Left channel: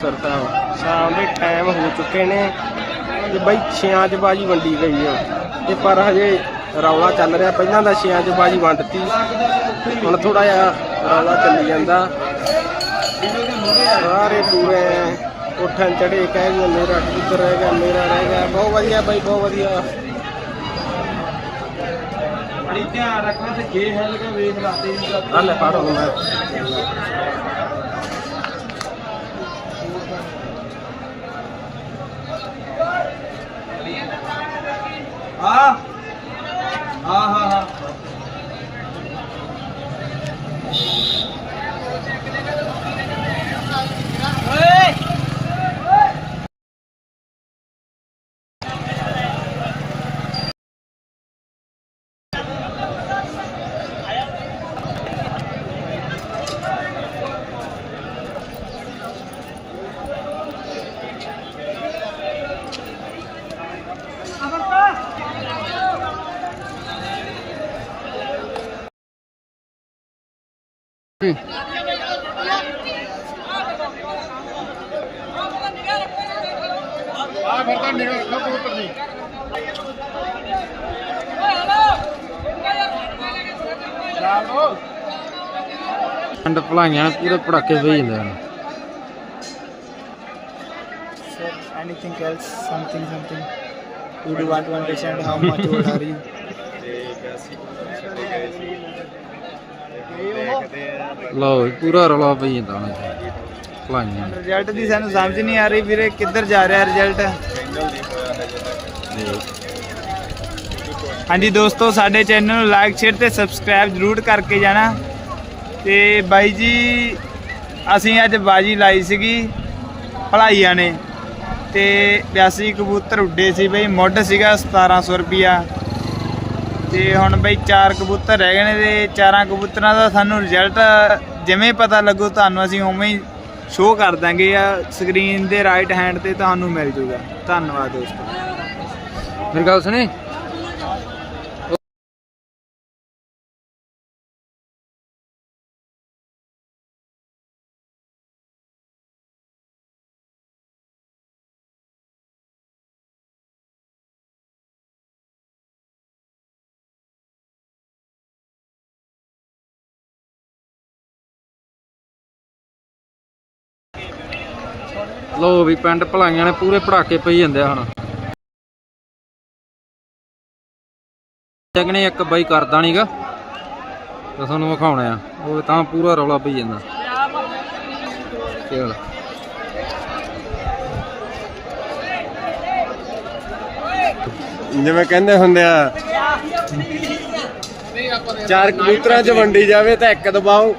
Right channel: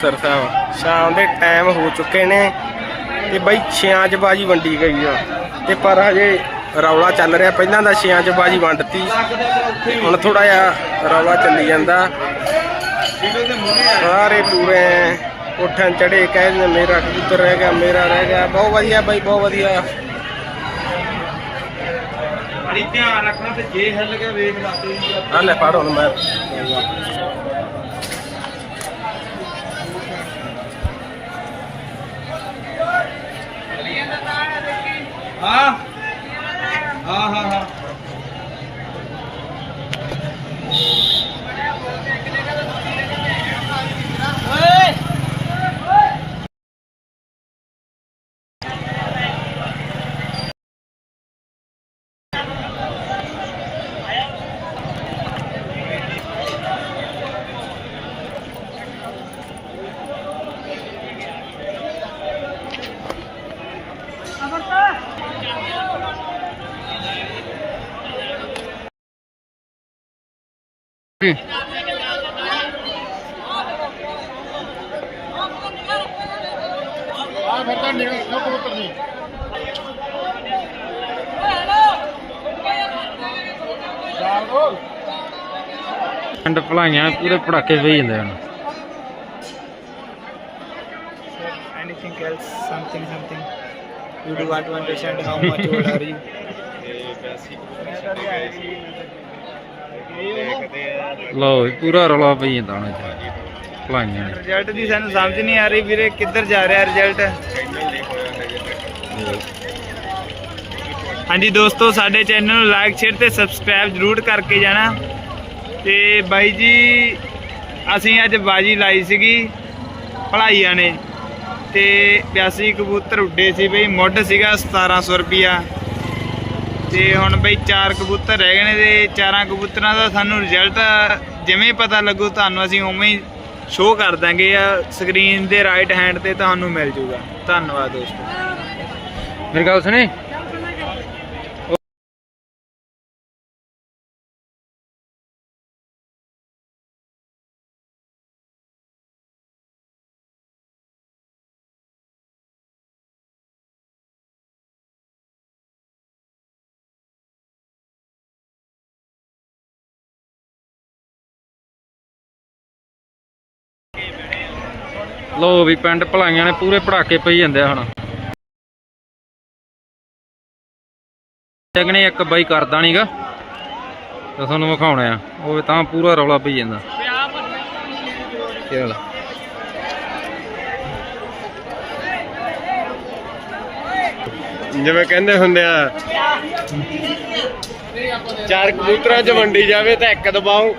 Sir ਸਾਹਿਬ ਸ਼ਾਮ ਦੇ time ਹੋ ਚੁੱਕੇ ਨੇ ਤੇ ਬਈ ਛਿਆਂ ਚ ਬਾਜੀ ਵੰਡੀ ਗਈ ਆ। ਤੇ ਪਰ ਹਜੇ ਰੌਲਾ ਚੱਲ ਰਿਹਾ ਪਹਿਲਾਂ ਤਾਂ ਛਿਆਂ ਚ ਬਾਜੀ ਵੰਡਤੀ ਹੁਣ ਥੋੜਾ ਜਿਹਾ ਰੌਲਾ ਚੱਲੀ ਜਾਂਦਾ। ਸਾਰੇ ਪੂਰੇ ਉੱਠਣ ਚੜੇ ਕਹਿੰਦੇ ਮੇਰਾ ਕਬੂਤਰ ਰਹਿ ਗਿਆ ਮੇਰਾ ਰਹਿ ਗਿਆ ਬਹੁਤ ਵਧੀਆ ਬਈ ਬਹੁਤ ਵਧੀਆ। ਬੜੀ ਧਿਆਨ ਰੱਖਣਾ ਤੇ ਜੇ ਹਿੱਲ ਗਿਆ ਵੇਖ ਲਾ ਤੇ ਆ ਲੈ ਫੜ ਹੁਣ ਮੈਂ। ਆ ਹਾਂ ਹਾਂ ਹਾਂ ਆ ਫਿਰ ਤਾਂ ਨਿਕਲ ਨਾ ਕਬੂਤਰ ਨਹੀਂ ਚਾਰ ਦੋ ਐਂਡ ਭਲਾਈਆਂ ਪੂਰੇ ਪੜਾਕੇ ਪਈ ਜਾਂਦੇ ਹਨ Sir, anything else? Something, something. You do want to understand how much old are you? ਲਓ ਜੀ, ਪੂਰਾ ਰੌਲਾ ਪਈ ਜਾਂਦਾ ਹੁਣ ਇੱਥੇ। ਭਲਾਈਆਂ ਨੇ। ਰਿਜ਼ਲਟ ਦੀ ਸਾਨੂੰ ਸਮਝ ਨਹੀਂ ਆ ਰਹੀ ਵੀਰੇ ਕਿੱਧਰ ਜਾ ਰਿਹਾ ਰਿਜ਼ਲਟ ਹਾਂਜੀ ਦੋਸਤੋ ਸਾਡੇ ਚੈਨਲ ਨੂੰ ਲਾਈਕ ਸ਼ੇਅਰ ਤੇ ਸਬਸਕ੍ਰਾਈਬ ਜਰੂਰ ਕਰਕੇ ਜਾਣਾ। ਤੇ ਬਾਈ ਜੀ ਅਸੀਂ ਅੱਜ ਬਾਜੀ ਲਾਈ ਸੀਗੀ ਭਲਾਈਆਂ ਨੇ। ਤੇ 82 ਕਬੂਤਰ ਉੱਡੇ ਸੀ ਬਈ ਮੁੱਢ ਸੀਗਾ 1700 ਰੁਪਿਆ ਤੇ ਹੁਣ ਬਈ ਚਾਰ ਕਬੂਤਰ ਰਹਿ ਗਏ ਨੇ ਤੇ ਚਾਰਾਂ ਕਬੂਤਰਾਂ ਦਾ ਸਾਨੂੰ ਰਿਜ਼ਲਟ ਜਿਵੇਂ ਪਤਾ ਲੱਗੂ, ਤੁਹਾਨੂੰ ਅਸੀਂ ਉਵੇਂ ਹੀ ਸ਼ੋਅ ਕਰ ਦਾਂਗੇ ਆ ਸਕਰੀਨ ਦੇ ਰਾਈਟ ਹੈਂਡ ਤੇ ਤੁਹਾਨੂੰ ਮਿਲ ਜੂਗਾ। ਧੰਨਵਾਦ ਦੋਸਤੋ। ਮੇਰੀ ਗੱਲ ਸੁਣੀ? ਲੋ ਵੀ ਪਿੰਡ ਭਲਾਈਆਂ ਨੇ ਪੂਰੇ ਪੜਾਕੇ ਪਈ ਜਾਂਦੇ ਆ ਹੁਣ। ਜਗਨੇ ਇੱਕ ਬਾਈ ਕਰਦਾ ਨਹੀਂਗਾ ਤਾਂ ਤੁਹਾਨੂੰ ਵਿਖਾਉਣਾ ਆ। ਉਹ ਤਾਂ ਪੂਰਾ ਰੌਲਾ ਪਈ ਜਾਂਦਾ। ਚੱਲ ਜਿਵੇਂ ਕਹਿੰਦੇ ਹੁੰਦੇ ਆ, ਚਾਰ ਕਬੂਤਰਾਂ 'ਚ ਵੰਡੀ ਜਾਵੇ ਤਾਂ ਇੱਕ ਦਬਾਓ।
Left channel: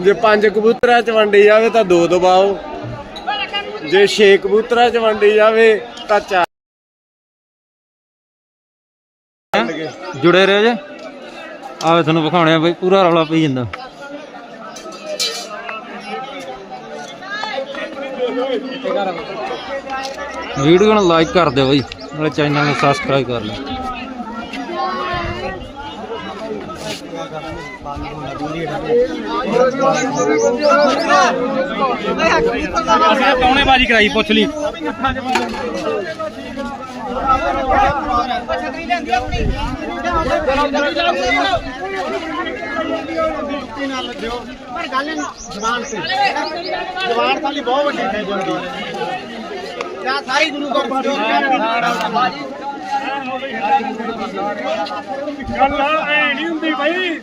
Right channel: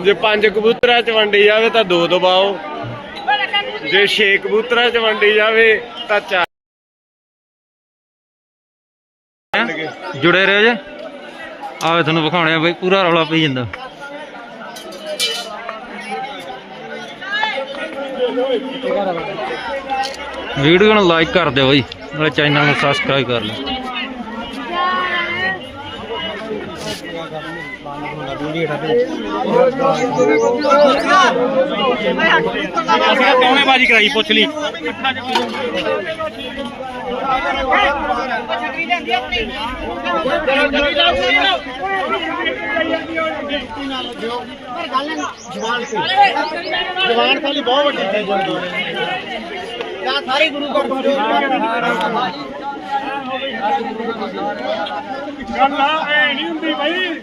ਜੇ ਪੰਜ ਕਬੂਤਰਾਂ 'ਚ ਵੰਡੀ ਜਾਵੇ ਤਾਂ ਦੋ ਦਬਾਓ। ਜੇ ਛੇ ਕਬੂਤਰਾਂ 'ਚ ਵੰਡੀ ਜਾਵੇ ਤਾਂ ਚਾਰ ਜੁੜੇ ਰਹੋ ਜੇ। ਆਵੇ ਤੁਹਾਨੂੰ ਵਿਖਾਉਣੇ ਆ ਬਈ, ਪੂਰਾ ਰੌਲਾ ਪਈ ਜਾਂਦਾ। ਵੀਡੀਓ ਨੂੰ ਲਾਈਕ ਕਰ ਦਿਓ ਬਈ, ਨਾਲੇ ਚੈਨਲ ਨੂੰ ਸਬਸਕ੍ਰਾਈਬ ਕਰ ਲਿਓ। ਅਸੀਂ ਕੌਣੇ ਬਾਜੀ ਕਰਾਈ ਪੁੱਛ ਲਈ। ਜਵਾਨ ਖਾਲੀ ਬਹੁਤ ਵੱਡੀ ਹੈ। ਸਾਰੀ ਗੁਰੂ ਘਰ ਅੱਲਾ ਐ ਨਹੀਂ ਹੁੰਦੀ ਭਾਈ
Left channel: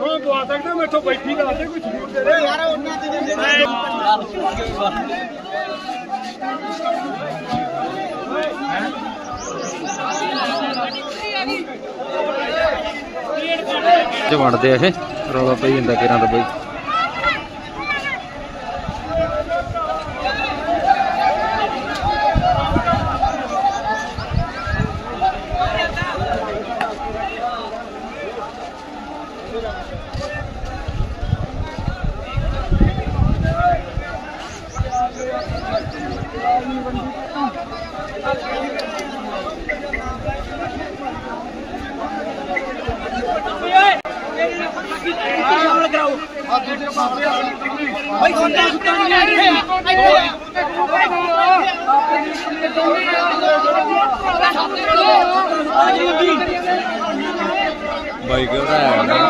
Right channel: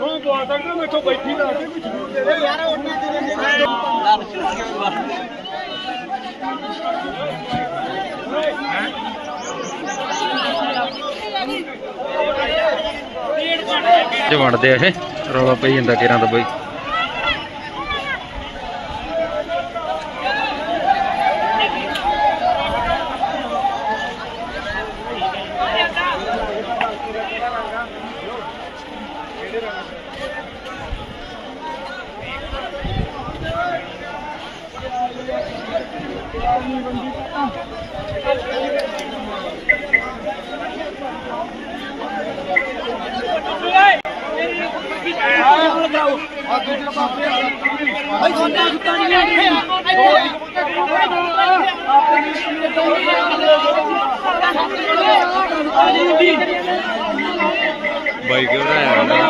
ਉਹ ਬੁਆ ਸਕਦਾ, ਮੈਥੋਂ ਬੈਠੀ ਲਾ ਕੇ ਕੁਝ ਜ਼ਰੂਰ ਦੇ ਦੇ। ਯਾਰ ਉਹਨਾਂ ਦੀ ਚ ਵੰਡਦੇ ਆ ਇਹ? ਰੌਲਾ ਪਈ ਜਾਂਦਾ ਕਿਰਾਂ ਦਾ ਬਈ। ਭਾਈ ਸੁੱਤਾ ਸੁੱਤਾ ਨਹੀਂ ਬਾਈ ਘਬਰਾਇਆ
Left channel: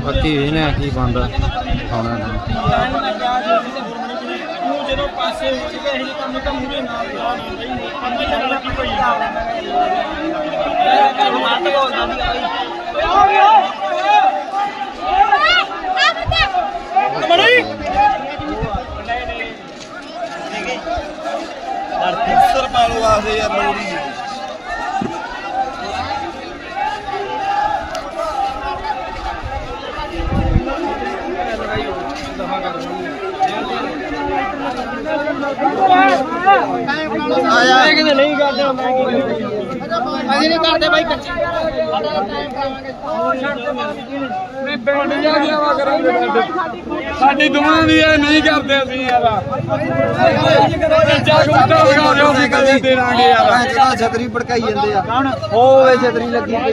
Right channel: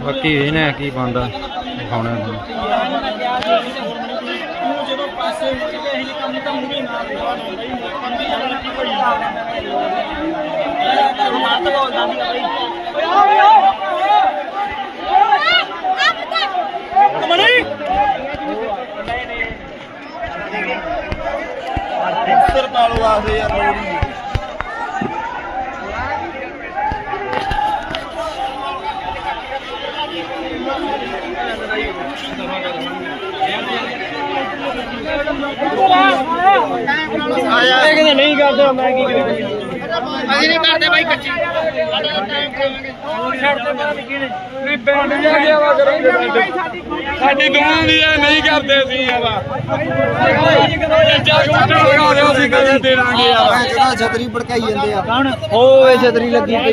ਬਾਕੀ ਇਹਨੇ ਕੀ ਬੰਦਾ ਦਿਖਾਉਣਾ ਤੁਹਾਨੂੰ ਜਦੋਂ ਪਾਸੇ ਹੋ ਜਵੇ ਇਹ ਕੰਮ ਤਾਂ ਮੂਰੇ ਨਾਲ ਲਾਣਾ ਬਈ ਪਤਾ ਹੀ ਆਪਣਾ ਕੀ ਭਈ ਮੱਤ ਬੋਲਦਾ ਸੀ ਬਈ ਓਏ ਆ ਗਿਆ ਕਮਲੀ ਸਰ ਪਾਲੋ ਆਖਦੇ ਯਾਰ ਲੋੜੀ ਕਹਿੰਦੇ ਨਹੀਂ ਕਰਦਾ ਮੈਂ ਕੀ ਕਰਾਂ ਅਸੀਂ ਨਹੀਂ ਕਰਦੇ ਬਾਈ ਕੱਚੀ। ਸਾਡਾ ਤਾਂ ਟਾਈਮ ਕਰਾਵਾਂਗੇ ਉਹ ਛੱਡ ਦੇ ਬਾਅਦ ਕੀ ਨਹੀਂ ਬੈਂਡ ਜਾ ਗਿਆ ਵਾ ਕਰਾਂਗੇ ਸਾਡੀ ਦੋਵਾਂ ਦੀ ਇਹ ਨਹੀਂ ਕਰਦੇ ਅਸੀਂ ਇਹਦਾ ਜਾਗੋ ਅਸੀਂ ਕਦੇ ਦੇ ਦਾਂਗੇ ਯਾਰ। ਛਤਰੀ ਭੜਕਾਈ ਜਾਂਦੇ ਆ। ਉਹ ਇਹ ਛਤਰੀ ਲੱਗੀ ਪਈ